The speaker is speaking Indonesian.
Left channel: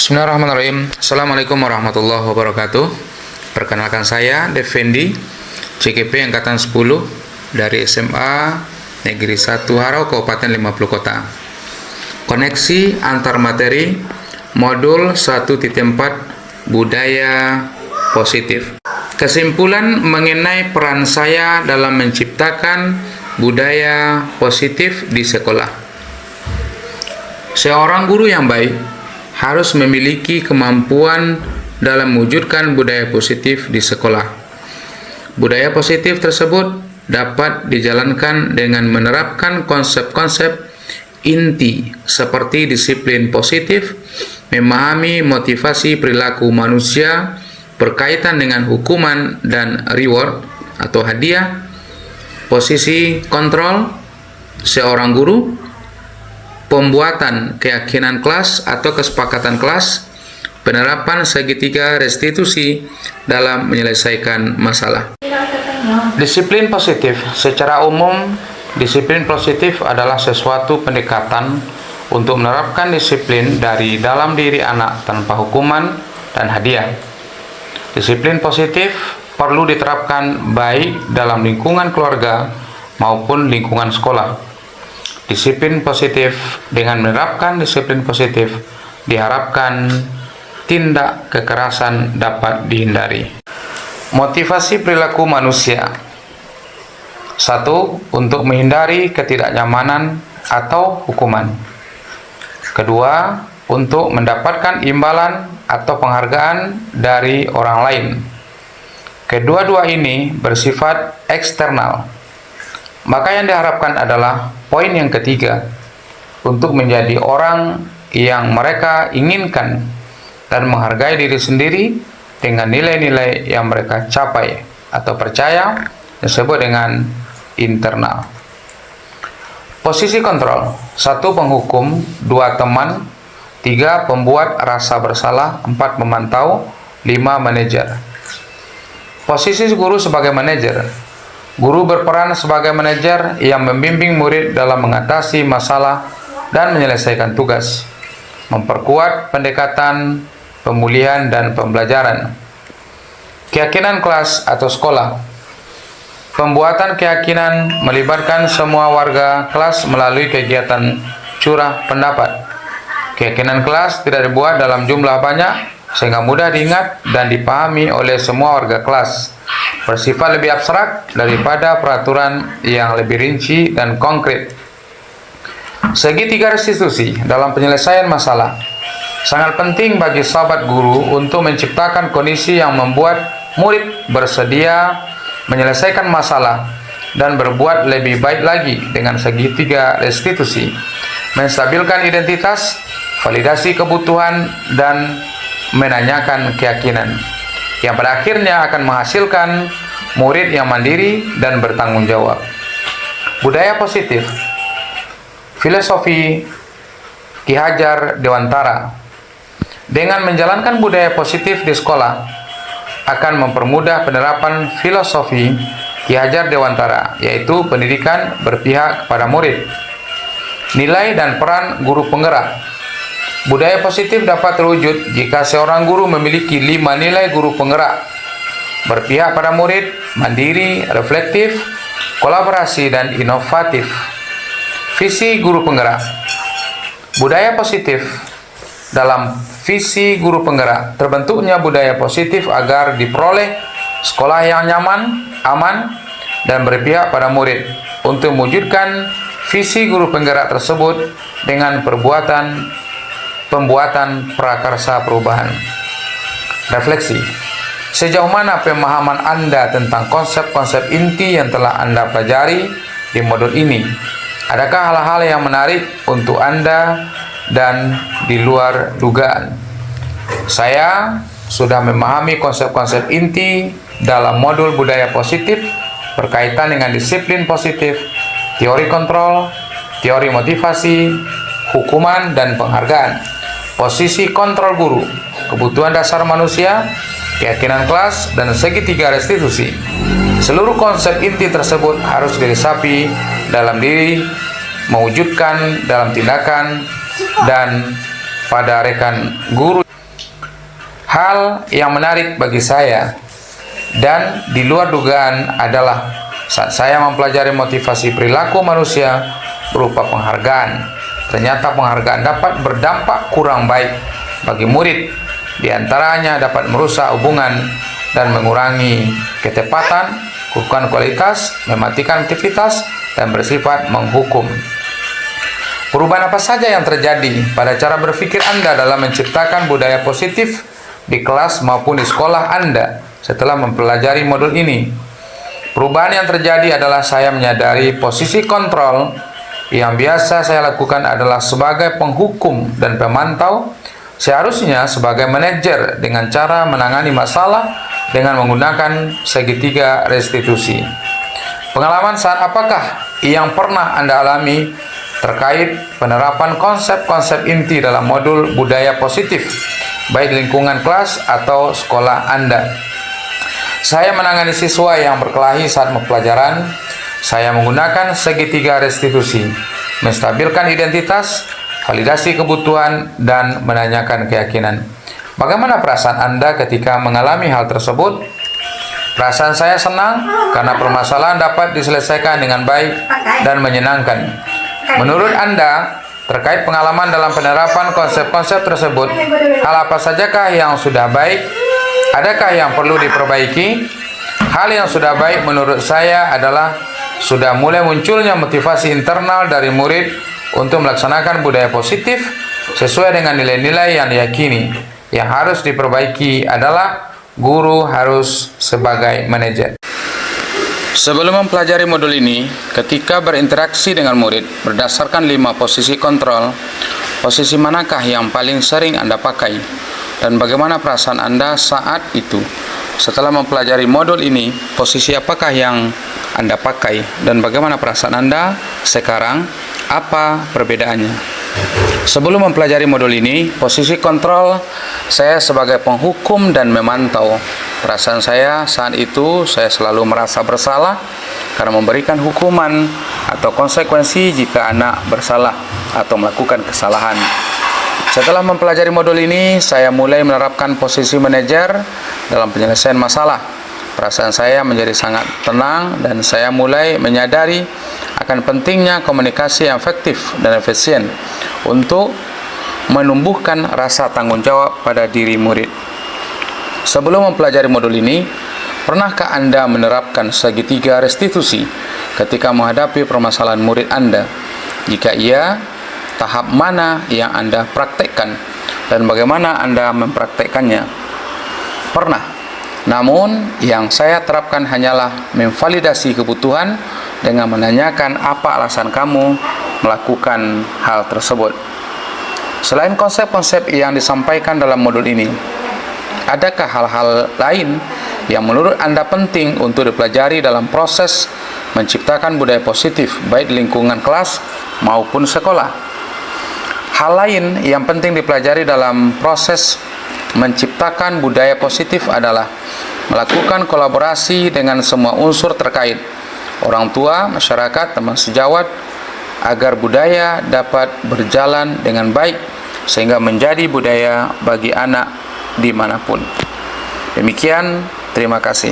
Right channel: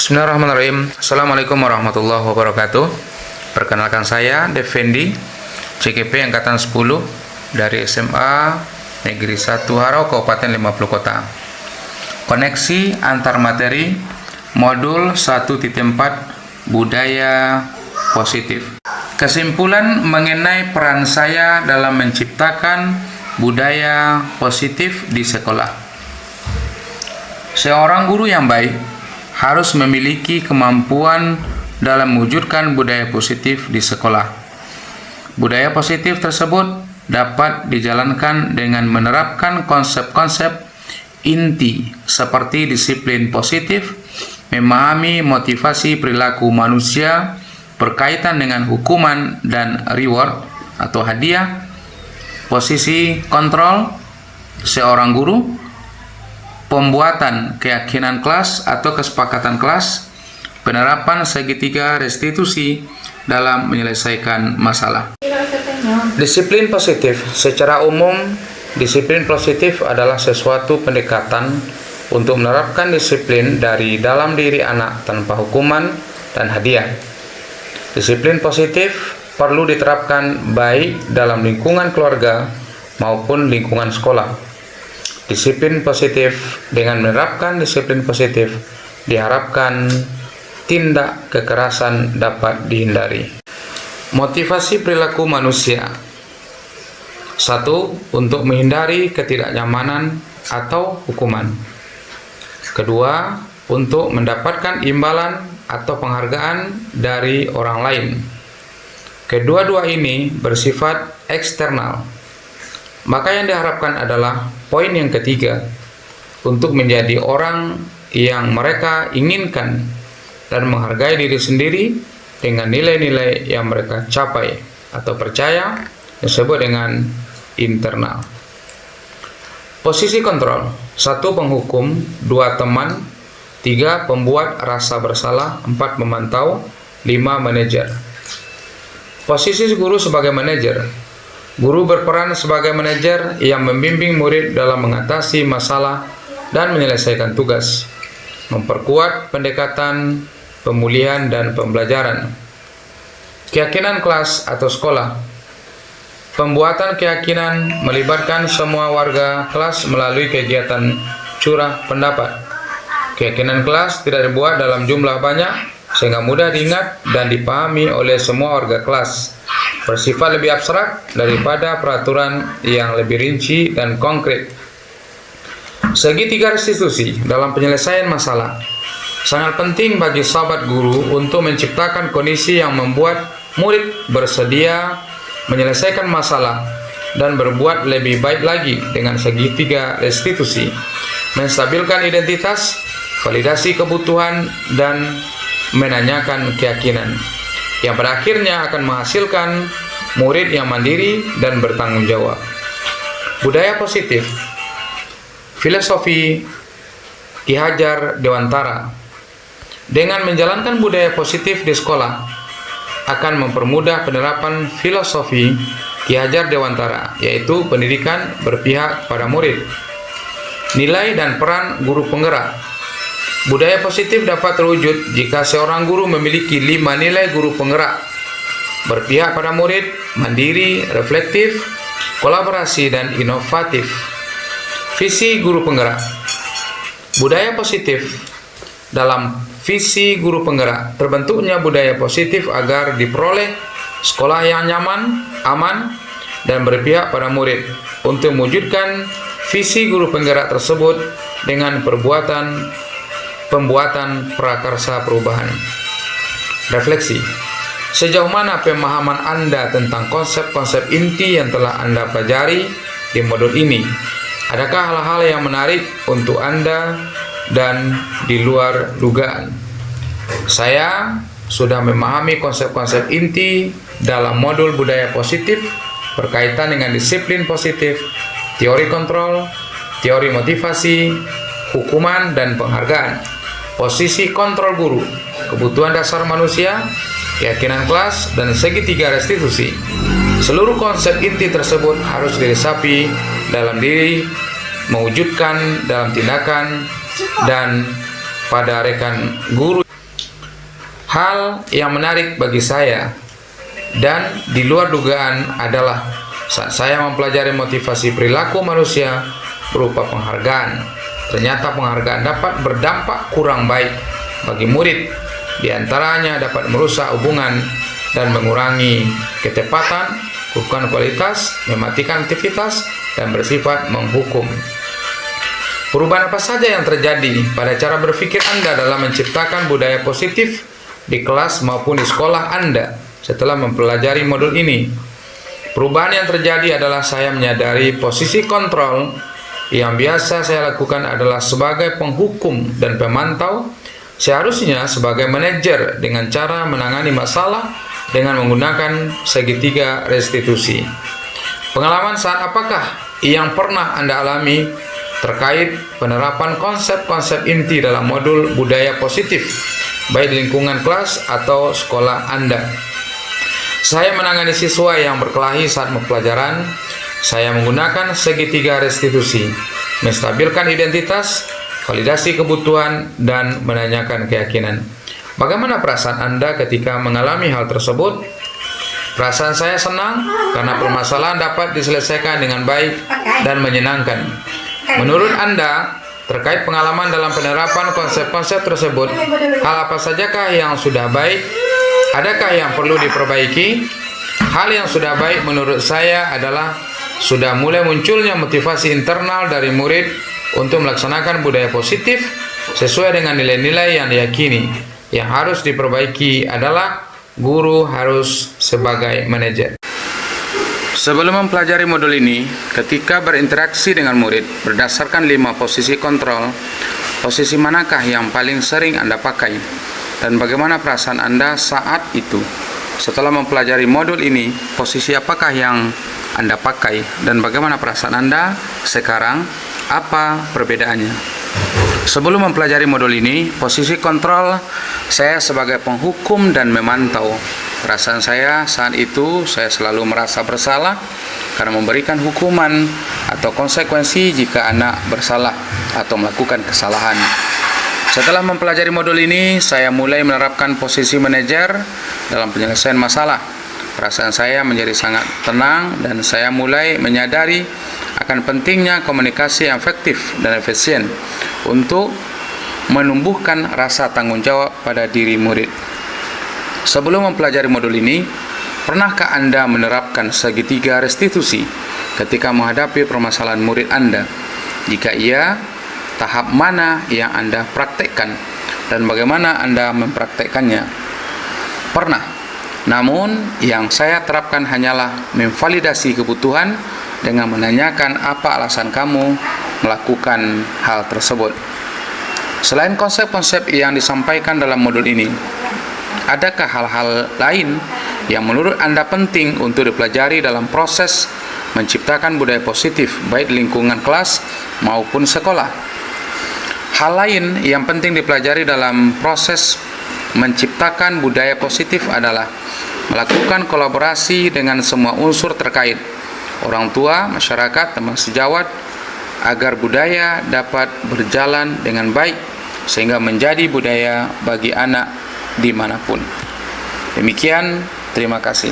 Bismillahirrahmanirrahim. Assalamualaikum warahmatullahi wabarakatuh. Perkenalkan saya Defendi, CGP Angkatan 10 dari SMA Negeri 1 Harau, Kabupaten 50 Kota. Koneksi antar materi modul 1.4 Budaya Positif. Kesimpulan mengenai peran saya dalam menciptakan budaya positif di sekolah. Seorang guru yang baik harus memiliki kemampuan dalam mewujudkan budaya positif di sekolah. Budaya positif tersebut dapat dijalankan dengan menerapkan konsep-konsep inti seperti disiplin positif, memahami motivasi perilaku manusia berkaitan dengan hukuman dan reward atau hadiah, posisi kontrol seorang guru, pembuatan keyakinan kelas atau kesepakatan kelas, penerapan segitiga restitusi dalam menyelesaikan masalah. Disiplin positif. Secara umum, disiplin positif adalah sesuatu pendekatan untuk menerapkan disiplin dari dalam diri anak tanpa hukuman dan hadiah. Disiplin positif perlu diterapkan baik dalam lingkungan keluarga maupun lingkungan sekolah. Disiplin positif, dengan menerapkan disiplin positif, diharapkan tindak kekerasan dapat dihindari. Motivasi perilaku manusia. 1. Untuk menghindari ketidaknyamanan atau hukuman. Kedua, untuk mendapatkan imbalan atau penghargaan dari orang lain. Kedua-dua ini bersifat eksternal. Maka yang diharapkan adalah poin yang ketiga, untuk menjadi orang yang mereka inginkan dan menghargai diri sendiri dengan nilai-nilai yang mereka capai atau percaya, disebut dengan internal. Posisi kontrol. 1. Penghukum. 2. Teman. 3. Pembuat rasa bersalah. 4. Memantau. 5. Manajer. Posisi guru sebagai manajer. Guru berperan sebagai manajer yang membimbing murid dalam mengatasi masalah dan menyelesaikan tugas, memperkuat pendekatan pemulihan dan pembelajaran. Keyakinan kelas atau sekolah. Pembuatan keyakinan melibatkan semua warga kelas melalui kegiatan curah pendapat. Keyakinan kelas tidak dibuat dalam jumlah banyak sehingga mudah diingat dan dipahami oleh semua warga kelas. Bersifat lebih abstrak daripada peraturan yang lebih rinci dan konkret. Segitiga restitusi dalam penyelesaian masalah. Sangat penting bagi sahabat guru untuk menciptakan kondisi yang membuat murid bersedia menyelesaikan masalah dan berbuat lebih baik lagi dengan segitiga restitusi, menstabilkan identitas, validasi kebutuhan, dan menanyakan keyakinan, yang pada akhirnya akan menghasilkan murid yang mandiri dan bertanggung jawab. Budaya positif. Filosofi Ki Hajar Dewantara. Dengan menjalankan budaya positif di sekolah akan mempermudah penerapan filosofi Ki Hajar Dewantara, yaitu pendidikan berpihak pada murid. Nilai dan peran guru penggerak. Budaya positif dapat terwujud jika seorang guru memiliki 5 nilai guru penggerak: berpihak pada murid, mandiri, reflektif, kolaborasi, dan inovatif. Visi guru penggerak. Budaya positif. Dalam visi guru penggerak, terbentuknya budaya positif agar diperoleh sekolah yang nyaman, aman, dan berpihak pada murid. Untuk mewujudkan visi guru penggerak tersebut dengan pembuatan prakarsa perubahan. Refleksi. Sejauh mana pemahaman Anda tentang konsep-konsep inti yang telah Anda pelajari di modul ini? Adakah hal-hal yang menarik untuk Anda dan di luar dugaan? Saya sudah memahami konsep-konsep inti dalam modul budaya positif berkaitan dengan disiplin positif, teori kontrol, teori motivasi, hukuman, dan penghargaan. Posisi kontrol guru, kebutuhan dasar manusia, keyakinan kelas, dan segitiga restitusi. Seluruh konsep inti tersebut harus diresapi dalam diri, mewujudkan dalam tindakan, dan pada rekan guru. Hal yang menarik bagi saya dan di luar dugaan adalah saat saya mempelajari motivasi perilaku manusia berupa penghargaan. Ternyata penghargaan dapat berdampak kurang baik bagi murid. Di antaranya dapat merusak hubungan dan mengurangi ketepatan, kukuhan kualitas, mematikan aktivitas, dan bersifat menghukum. Perubahan apa saja yang terjadi pada cara berpikir Anda dalam menciptakan budaya positif di kelas maupun di sekolah Anda setelah mempelajari modul ini? Perubahan yang terjadi adalah saya menyadari posisi kontrol yang biasa saya lakukan adalah sebagai penghukum dan pemantau, seharusnya sebagai manajer dengan cara menangani masalah dengan menggunakan segitiga restitusi. Pengalaman saat apakah yang pernah Anda alami terkait penerapan konsep-konsep inti dalam modul budaya positif, baik di lingkungan kelas atau sekolah Anda? Saya menangani siswa yang berkelahi saat pembelajaran. Saya menggunakan segitiga restitusi, menstabilkan identitas, validasi kebutuhan, dan menanyakan keyakinan. Bagaimana perasaan Anda ketika mengalami hal tersebut? Perasaan saya senang karena permasalahan dapat diselesaikan dengan baik dan menyenangkan. Menurut Anda, terkait pengalaman dalam penerapan konsep-konsep tersebut, hal apa sajakah yang sudah baik? Adakah yang perlu diperbaiki? Hal yang sudah baik menurut saya adalah sudah mulai munculnya motivasi internal dari murid untuk melaksanakan budaya positif sesuai dengan nilai-nilai yang diyakini. Yang harus diperbaiki adalah guru harus sebagai manajer. Sebelum mempelajari modul ini, ketika berinteraksi dengan murid berdasarkan 5 posisi kontrol, posisi manakah yang paling sering Anda pakai? Dan bagaimana perasaan Anda saat itu? Setelah mempelajari modul ini, posisi apakah yang Anda pakai? Dan bagaimana perasaan Anda sekarang? Apa perbedaannya? Sebelum mempelajari modul ini, posisi kontrol saya sebagai penghukum dan memantau. Perasaan saya saat itu, saya selalu merasa bersalah karena memberikan hukuman atau konsekuensi jika anak bersalah atau melakukan kesalahan. Setelah mempelajari modul ini, saya mulai menerapkan posisi manajer dalam penyelesaian masalah. Perasaan saya menjadi sangat tenang dan saya mulai menyadari akan pentingnya komunikasi yang efektif dan efisien untuk menumbuhkan rasa tanggung jawab pada diri murid. Sebelum mempelajari modul ini, pernahkah Anda menerapkan segitiga restitusi ketika menghadapi permasalahan murid Anda? Jika iya, tahap mana yang Anda praktekkan dan bagaimana Anda mempraktekkannya? Pernah. Namun, yang saya terapkan hanyalah memvalidasi kebutuhan dengan menanyakan apa alasan kamu melakukan hal tersebut. Selain konsep-konsep yang disampaikan dalam modul ini, adakah hal-hal lain yang menurut Anda penting untuk dipelajari dalam proses menciptakan budaya positif baik di lingkungan kelas maupun sekolah? Hal lain yang penting dipelajari dalam proses menciptakan budaya positif adalah melakukan kolaborasi dengan semua unsur terkait, orang tua, masyarakat, teman sejawat, agar budaya dapat berjalan dengan baik sehingga menjadi budaya bagi anak dimanapun. Demikian, terima kasih.